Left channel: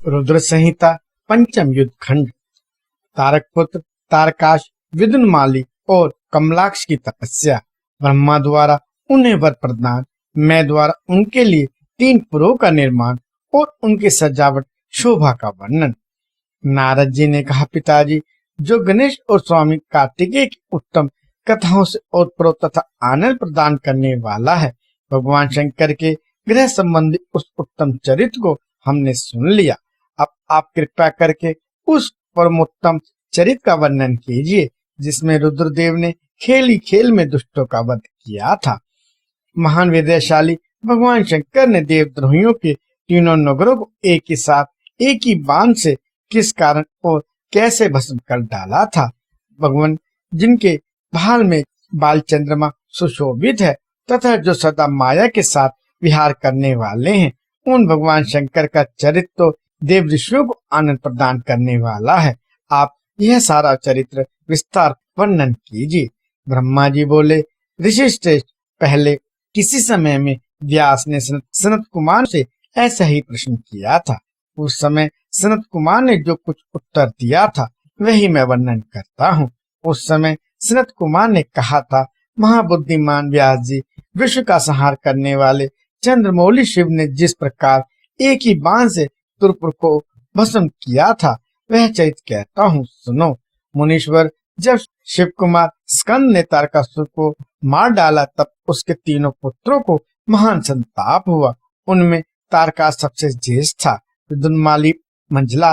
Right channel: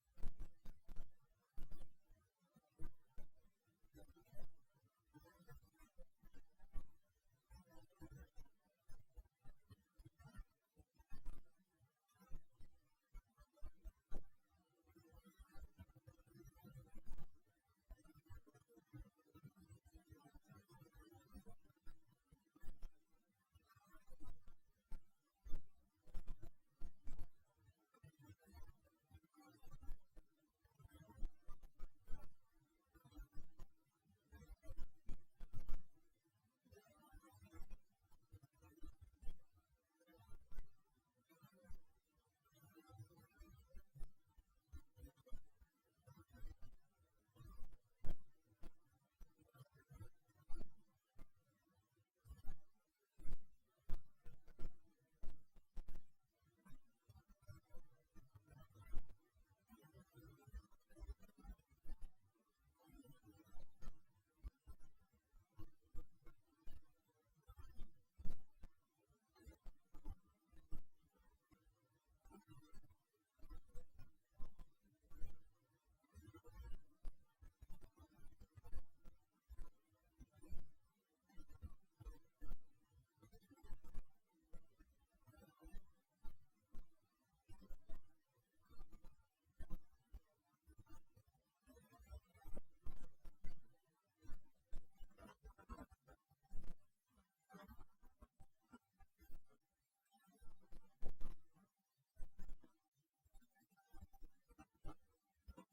रुद्र संहिता पंचम युद्ध खंड। तारकपुत्र तारकाश, विदुनमाली और कमलाक्ष की तपस्या। ब्रह्मा द्वारा उन्हें वर प्रदान, मैं द्वारा उनके लिए 3 पुरों का निर्माण और उनकी सजावट शोभा का वर्णन। नारद जी ने कहा, पिताजी, जो गणेश और स्वामी कार्तिकेय की उत्तम कथाओं से ओतप्रोत तथा आनंद प्रदान करने वाला है, भगवान शंकर के ग्रह संबंधी उस उत्तम चरित्र को हमने सुन लिया। अब आप कृपा करके उस परमोत्तम चरित्र का वर्णन कीजिए जिसमें रुद्रदेव ने खेली खेल में दुष्टों का वध किया था। महान विद्याशाली भगवान शंकर ने देवद्रोहियों के तीनों नगरों को एक ही साथ एक ही बाण से किस कारण और कैसे भस्म कर डाला था। भगवान जिनके भाल में बाल चंद्रमा सुशोभित है तथा जो सदा माया के साथ विहार करने वाले हैं, उन भगवान शंकर का चरित्र तो देव ऋषियों को आनंद प्रदान करने वाला है। आप यह सारा चरित्र विस्तार वर्णन कीजिए। ब्रह्मा जी बोले, ऋषि श्रेष्ठ, पहले किसी समय में व्यास ने सनत कुमार से ऐसा ही प्रश्न किया था। उस समय सनत कुमार ने जो कुछ उत्तर दिया था वही मैं वर्णन करता हूँ। उस समय सनत कुमार ने कहा था, महाबुद्धिमान व्यास जी, विश्व का संहार करने वाले चंद्रमौली शिव ने जिस प्रकार एक ही बाण से तुरपुर को भस्म किया था वह चरित्र कहता हूँ, सुनो। मुनीश्वर, जब शिव कुमार स्कंद ने तारकासुर को मार डाला तब उसके तीनों पुत्रों को महान संताप हुआ। उनमें तारकास सबसे ज्येष्ठ था, विदुनमाली मंझला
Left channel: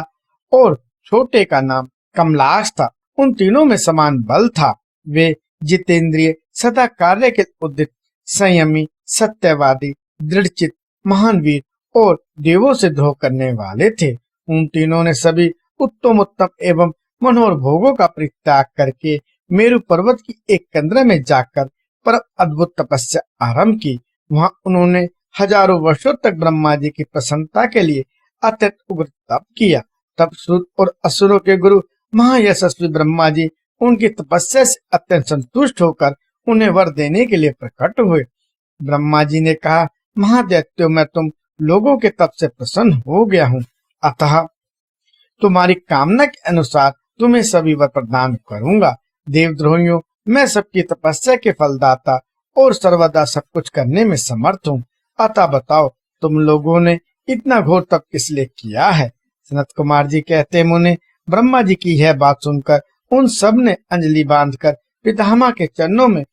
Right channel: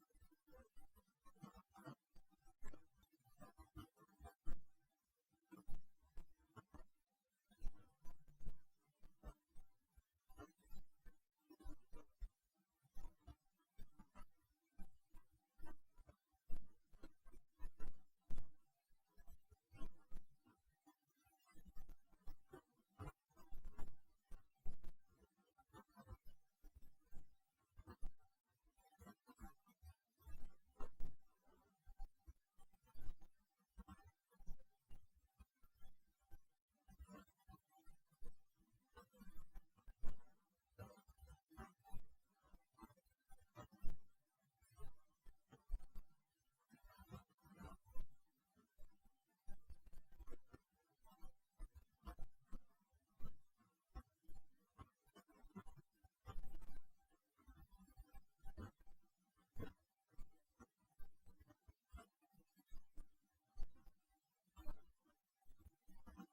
और छोटे का नाम कमलाक्ष था। उन तीनों में समान बल था। वे जितेंद्रिय, सदा कार्य के उद्यत, संयमी, सत्यवादी, दृढ़चित, महान वीर और देवों से द्रोह करने वाले थे। उन तीनों ने सभी उत्तम एवं मनोहर भोगों का परित्याग करके मेरु पर्वत की एक कंदरा में जाकर पर अद्भुत तपस्या आरंभ की। वहां उन्होंने हजारों वर्षों तक ब्रह्मा जी की प्रसन्नता के लिए अत्यंत उग्र तप किया। तब सूर्य और असुरों के गुरु महायशस्वी ब्रह्मा जी उनकी तपस्या से अत्यंत संतुष्ट होकर उन्हें वर देने के लिए प्रकट हुए। ब्रह्मा जी ने कहा, महादैत्यो, मैं तुम लोगों के तप से प्रसन्न हो गया हूँ, अतः तुम्हारी कामना के अनुसार तुम्हें सभी वर प्रदान करूंगा। देवद्रोहियों, मैं सबकी तपस्या के फलदाता और सर्वदा सब कुछ करने में समर्थ हूँ। अतः बताओ, तुम लोगों ने इतना घोर तप किस लिए किया है? सनत कुमार जी कहते, मुने, ब्रह्मा जी की यह बात सुनकर उन सब ने अंजलि बांधकर पितामह के चरणों में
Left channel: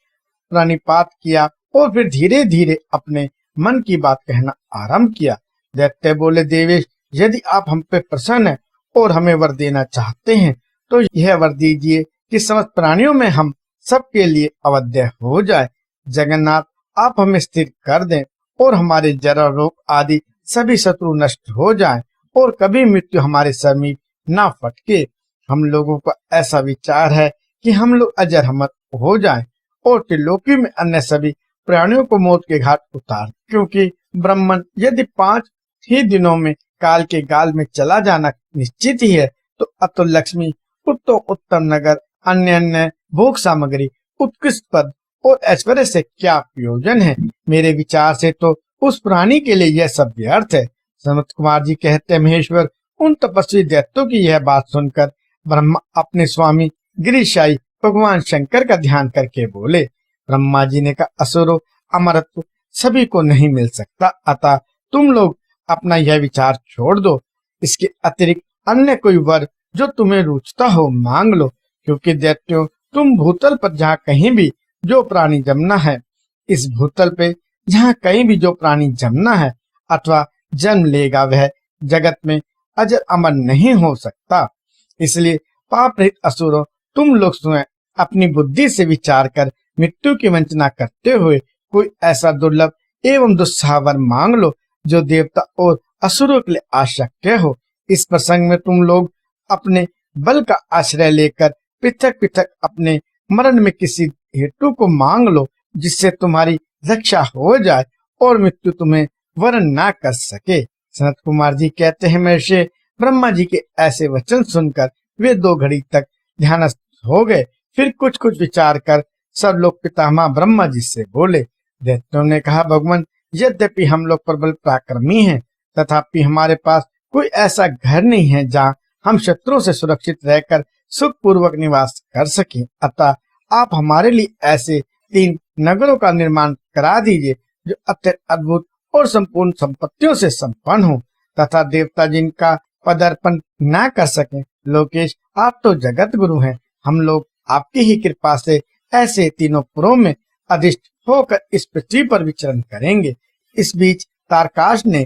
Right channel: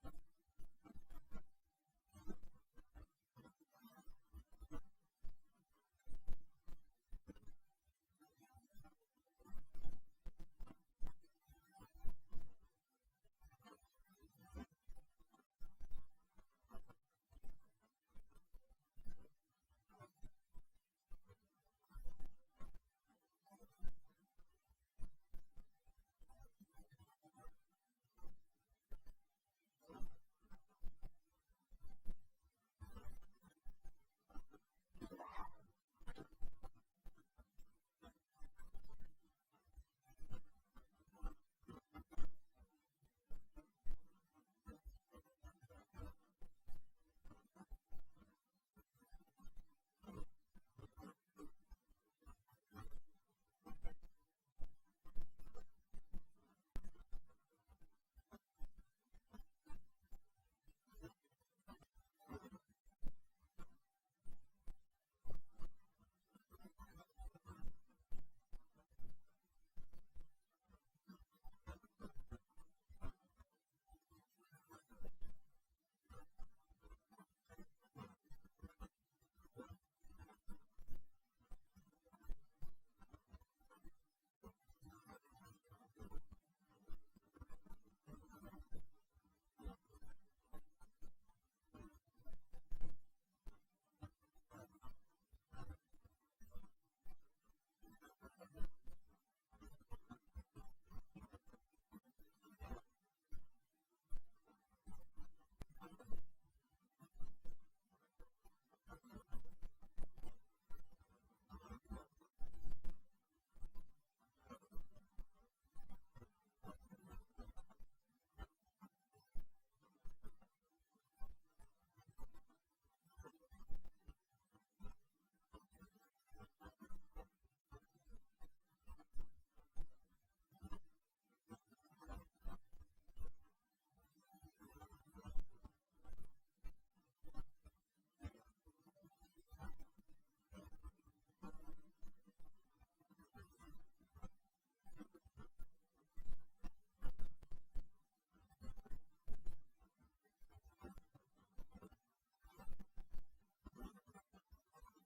प्रणिपात किया और फिर धीरे धीरे अपने मन की बात कहना आरंभ किया। दैत्य बोले, देवेश, यदि आप हम पे प्रसन्न हैं और हमें वर देना चाहते हैं तो यह वर दीजिए कि समस्त प्राणियों में हम सबके लिए अवध्य हो जाए। जगन्नाथ, आप हमें स्थिर कर दें और हमारे जरा रोग आदि सभी शत्रु नष्ट हो जाएं और कभी मृत्यु हमारे समीप ना फटके। हम लोगों का ऐसा विचार है कि हम लोग अजर अमर हो जाएं और त्रिलोकी में अन्य सभी प्राणियों को मौत के घाट उतार, क्योंकि ब्राह्मण यदि 5 ही दिनों में काल के गाल में चला जाना निश्चित ही है तो अतुल लक्ष्मी, उत्तम नगर, अन्य भोग सामग्री, उत्कृष्ट पद और ऐश्वर्य से क्या प्रयोजन है? मेरे विचार से तो उस प्राणी के लिए यह सब व्यर्थ है। सनत कुमार जी कहते, महेश्वर, उन तपस्वी दैत्यों की यह बात सुनकर ब्रह्मा अपने स्वामी गिरिशाई भगवान शंकर का ध्यान करके बोले। ब्रह्मा जी ने कहा, असुरों, अमरत्व सभी को नहीं मिल सकता, अतः तुम लोग अपना यह विचार छोड़ दो। इसके अतिरिक्त अन्य कोई वर जो तुम्हें रुचता हो मांग लो, क्योंकि दैत्यों, तुम भूतल पर जहाँ कहीं भी जो प्राणी जमना है, इस भूतल पे जहाँ कहीं भी जो प्राणी जमना है अथवा जन्म लेगा वह जगत में अजर अमर नहीं हो सकता। इसलिए पाप रहित असुरों, तुम लोग स्वयं अपनी बुद्धि से विचार कर मृत्यु की वंचना करते हुए कोई ऐसा दुर्लभ एवं दुस्साह वर मांग लो जो देवता और असुरों के लिए आवश्यक हो। इस प्रसंग में तुम लोग अपने बल का आश्रय लेकर पृथक पृथक अपने मरण में किसी हेतु को मांग लो जिससे तुम्हारी रक्षा हो जाए और मृत्यु तुम्हें वरण ना कर सके। सनत कुमार जी कहते हैं, महर्षि, ब्रह्मा जी के ऐसे वचन सुनकर वे 2 घड़ी तक ध्यानस्थ हो गए। फिर कुछ विचार कर सब लोग पितामह ब्रह्मा जी से बोले। दैत्यों ने कहा, भगवान, यद्यपि हम लोग प्रबल पराक्रमी हैं तथापि हमारे पास कोई ऐसा घर नहीं है जहाँ हम शत्रुओं से सुरक्षित रहकर सुख पूर्वक निवास कर सकें। अतः आप हमारे लिए ऐसे 3 नगरों का निर्माण करा दीजिए जो अत्यंत अद्भुत और संपूर्ण संपत्तियों से संपन्न हो तथा देवता जिनका पदार्पण न कर सके। लोकेश, आप तो जगत गुरु हैं, हम लोग आपकी ही कृपा से ऐसे तीनों पुरों में अधिष्ठ होकर इस पृथ्वी पर विचरण करेंगे। इस बीच तारकाश ने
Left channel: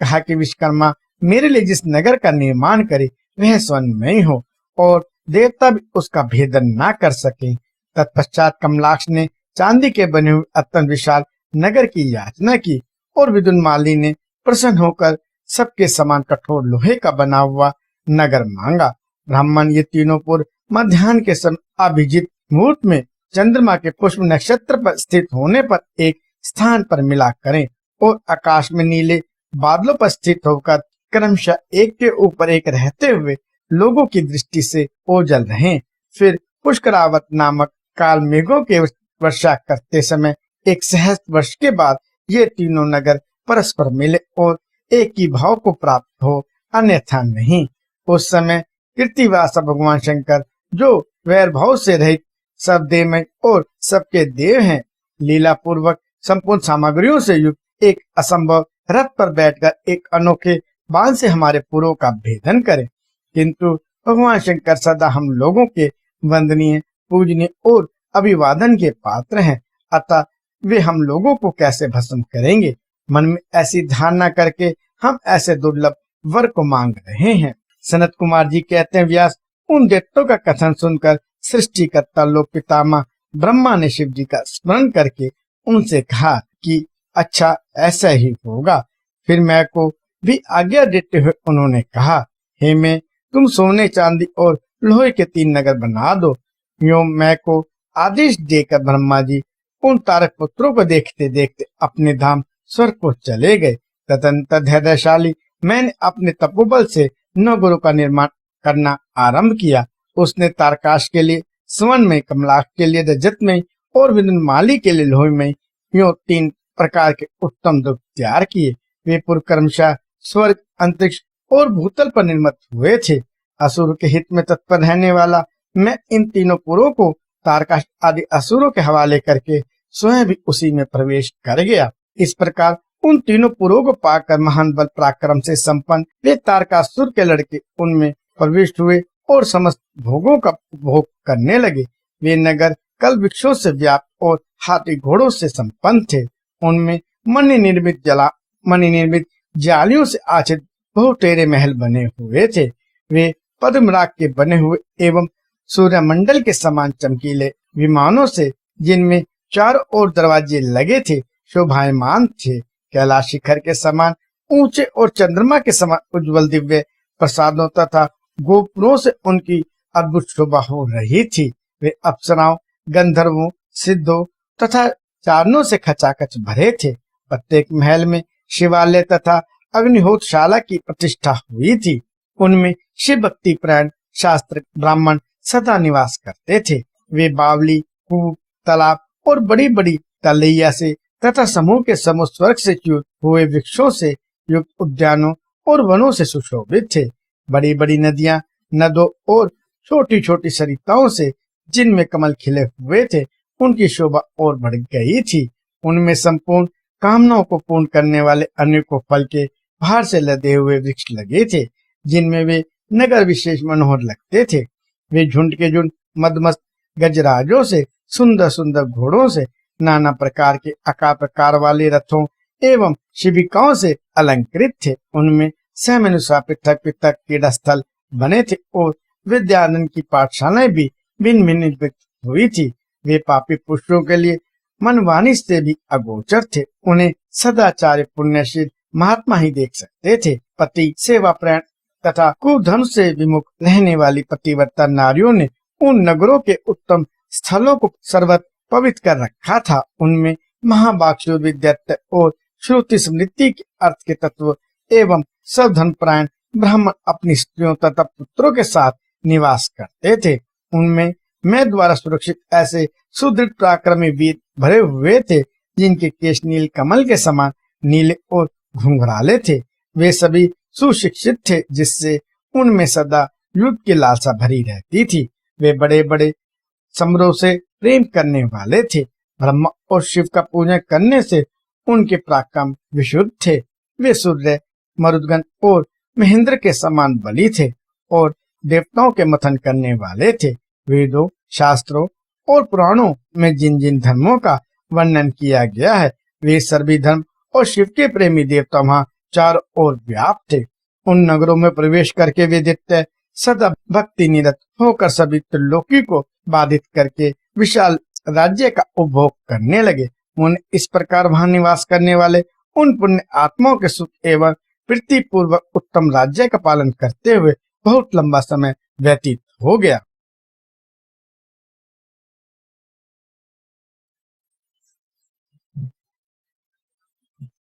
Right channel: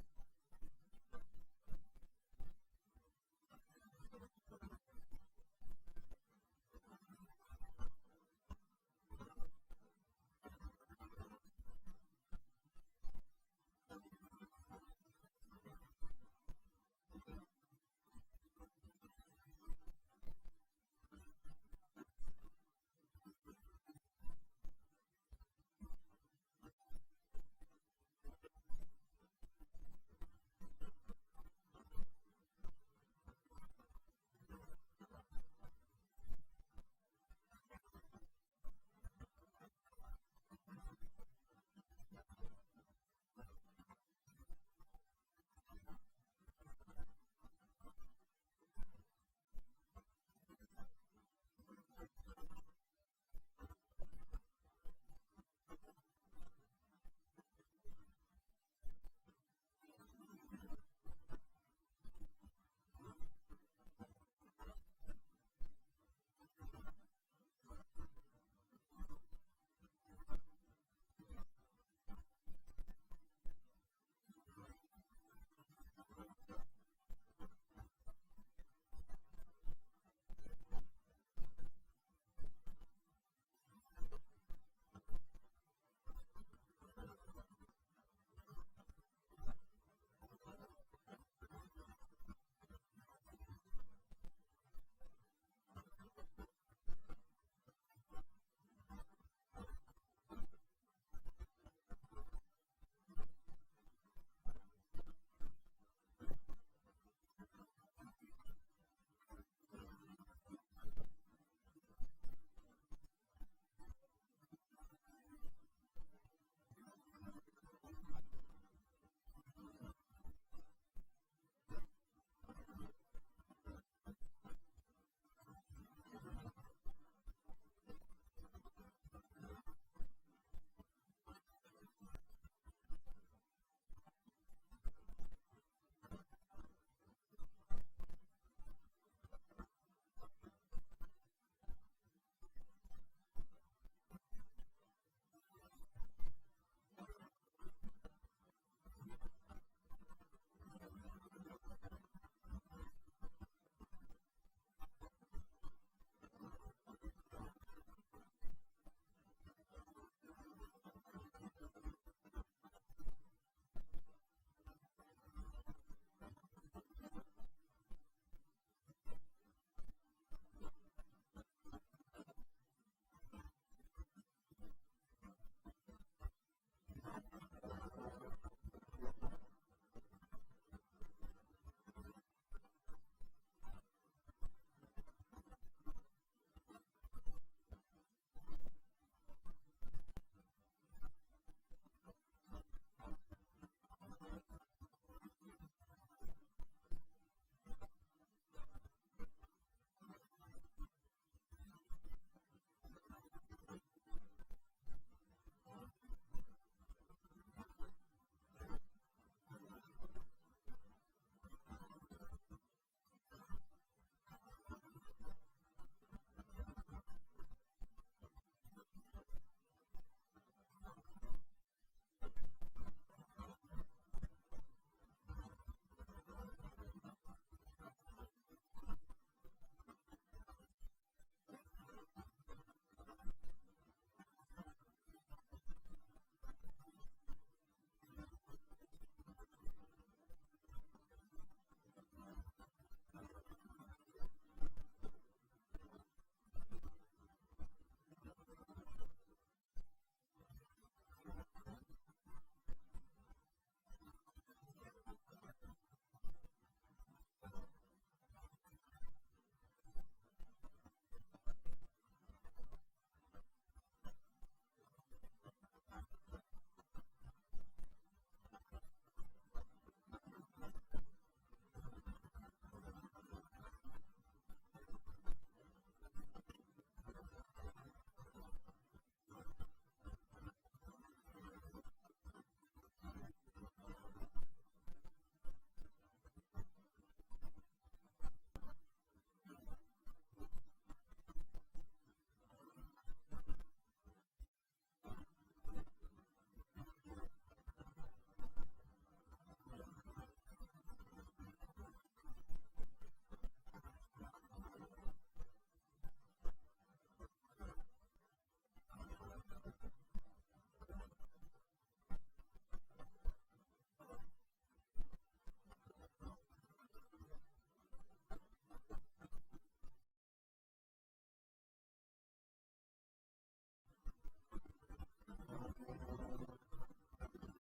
कहा कि विश्वकर्मा मेरे लिए जिस नगर का निर्माण करे वह स्वर्ण में ही हो और देवता भी उसका भेदन ना कर सके। तत्पश्चात कमलाक्ष ने चांदी के बने हुए अत्यंत विशाल नगर की याचना की और विदुनमाली ने प्रसन्न होकर सबके समान कठोर लोहे का बना हुआ नगर मांगा। ब्राह्मण ये तीनों पुर मध्याह्न के समय अभिजीत मुहूर्त में चंद्रमा के पुष्प नक्षत्र पर स्थित होने पर एक स्थान पर मिला करें और आकाश में नीले बादलों पर स्थित होकर क्रमशः एक के ऊपर एक रहते हुए लोगों की दृष्टि से ओझल रहें। फिर पुष्करावत नामक काल मेघों के वर्षा करते समय 1 सहस्त्र वर्ष के बाद ये तीनों नगर परस्पर मिले और एक ही भाव को प्राप्त हो, अन्यथा नहीं। उस समय कृतिवासा भगवान शंकर जो वैर भाव से रहित सब देवमय और सबके देव हैं, लीला पूर्वक संपूर्ण सामग्रियों से युक्त एक असंभव रथ पर बैठकर एक अनोखे बाण से हमारे पुरों का भेदन करें। किंतु भगवान शंकर सदा हम लोगों के वंदनीय, पूजनीय और अभिवादन के पात्र हैं, अतः वे हम लोगों को कैसे भस्म करेंगे। मन में ऐसी धारणा करके हम ऐसे दुर्लभ वर को मांग रहे हैं। सनत कुमार जी कहते हैं, व्यास, उन दैत्यों का कथन सुनकर सृष्टिकर्ता लोक पितामह ब्रह्मा ने शिव जी का स्मरण करके उनसे कहा कि अच्छा ऐसा ही होगा। फिर मैं को भी आज्ञा देते हुए उन्होंने कहा, हे मैं, तुम सोने चांदी और लोहे के 3 नगर बना दो। यूं मैं को आदेश देकर ब्रह्मा जी उन तारक पुत्रों को देखते देखते अपने धाम स्वर्ग को चले गए। तदंतर धैर्यशाली मैंने अपने तपोबल से नगरों का निर्माण करना आरंभ किया। उसने तारकाश के लिए स्वर्ण में, कमलाक्ष के लिए रजत में और विदुनमाली के लिए लोहे में यूं 3 प्रकार के उत्तम दुर्ग तैयार किए। वे पुर क्रमशः स्वर्ग, अंतरिक्ष और भूतल पर निर्मित हुए थे। असुर के हित में तत्पर रहने वाला मैं इन तीनों पुरों को तारकाश आदि असुरों के हवाले करके स्वयं भी उसी में प्रवेश कर गया। इस प्रकार उन तीनों पुरों को पाकर महान बल पराक्रम से संपन्न वे तारकासुर के लड़के उनमें प्रविष्ट हुए और समस्त भोगों का उपभोग करने लगे। वे नगर कल वृक्षों से व्याप्त और हाथी घोड़ों से संपन्न थे। उनमें मणि निर्मित जालियों से आच्छादित बहुतेरे महल बने हुए थे। वे पद्मराग के बने हुए एवं सूर्यमंडल के समान चमकीले विमानों से, जिनमें चारों ओर दरवाजे लगे थे, शोभायमान थे। कैलाश शिखर के समान ऊंचे और चंद्रमा के समान उज्जवल दिव्य प्रसादों तथा गोपुरों से उनकी अद्भुत शोभा हो रही थी। वे अप्सराओं, गंधर्वों, सिद्धों तथा चारणों से खचाखच भरे थे। प्रत्येक महल में शिवालय तथा अग्निहोत्रशाला की प्रतिष्ठा हुई थी। उनमें शिव भक्ति प्राण शास्त्र ब्राह्मण सदा निवास करते थे। वे बावली, कूप, तालाब और बड़ी बड़ी तलैया से तथा समूह के समूह स्वर्ग से च्युत हुए वृक्षों से युक्त उद्यानों और वनों से सुशोभित थे। बड़ी बड़ी नदियां, नदों और छोटी छोटी सरिताओं से, जिनमें कमल खिले हुए थे, उनकी शोभा और बढ़ गई थी। उनमें संपूर्ण कामनाओं को पूर्ण करने वाले अनेकों फल के बाहर से लदे हुए वृक्ष लगे थे, जिनमें वे नगर विशेष मनोहर लगते थे। वे झुंड के झुंड मदमस्त गजराजों से, सुंदर सुंदर घोड़ों से, नाना प्रकार के आकार प्रकार वाले रथों एवं शिविकाओं से अलंकृत थे। उनमें समनुसार पृथक पृथक क्रीड़ा स्थल बने थे और विद्यानंद की पाठशालाएं भी भिन्न भिन्न निर्मित हुई थी। वे पापी पुरुषों के लिए मनवानी से भी अगोचर थे। उन्हें सदाचार्य पुण्यशील महात्मा ही देख सकते थे। पति सेवा प्राण तथा कुधर्म से विमुख रहने वाली पतिव्रता नारियों ने उन नगरों के उत्तम स्थलों को सर्वत्र पवित्र कर रखा था। उनमें महाभाग विद्यार्थ और श्रुति स्मृति के अर्थ के तत्व एवं सब धर्मपरायण ब्राह्मण अपनी स्त्रियों तथा पुत्रों के साथ निवास करते थे। उनमें मैं द्वारा सुरक्षित ऐसे सुदृढ़ पराक्रमी वीर भरे हुए थे, जिनके केश नील कमल के समान नीले और घुंघराले थे। वे सभी सुशिक्षित थे, जिससे उनमें सदा युद्ध की लालसा भरी रहती थी। वे बड़े बड़े समारोह से प्रेम करने वाले थे। ब्रह्मा और शिव का पूजन करने से उनके पराक्रम विशुद्ध थे। वे सूर्य, मरुदगण और महेंद्र के समान बली थे और देवताओं के मंथन करने वाले थे। वेदों, शास्त्रों और पुराणों में जिन जिन धर्मों का वर्णन किया गया है, वे सभी धर्म और शिव के प्रेमी देवता वहाँ चारों ओर व्याप्त थे। उन नगरों में प्रवेश करके वे दैत्य सदा भक्ति निरत होकर सभी त्रिलोकी को बाधित करके विशाल राज्य का उपभोग करने लगे। उन्हें इस प्रकार वहां निवास करने वाले उन पुण्य आत्माओं के सुख एवं प्रीति पूर्वक उत्तम राज्य का पालन करते हुए बहुत लंबा समय व्यतीत हो गया।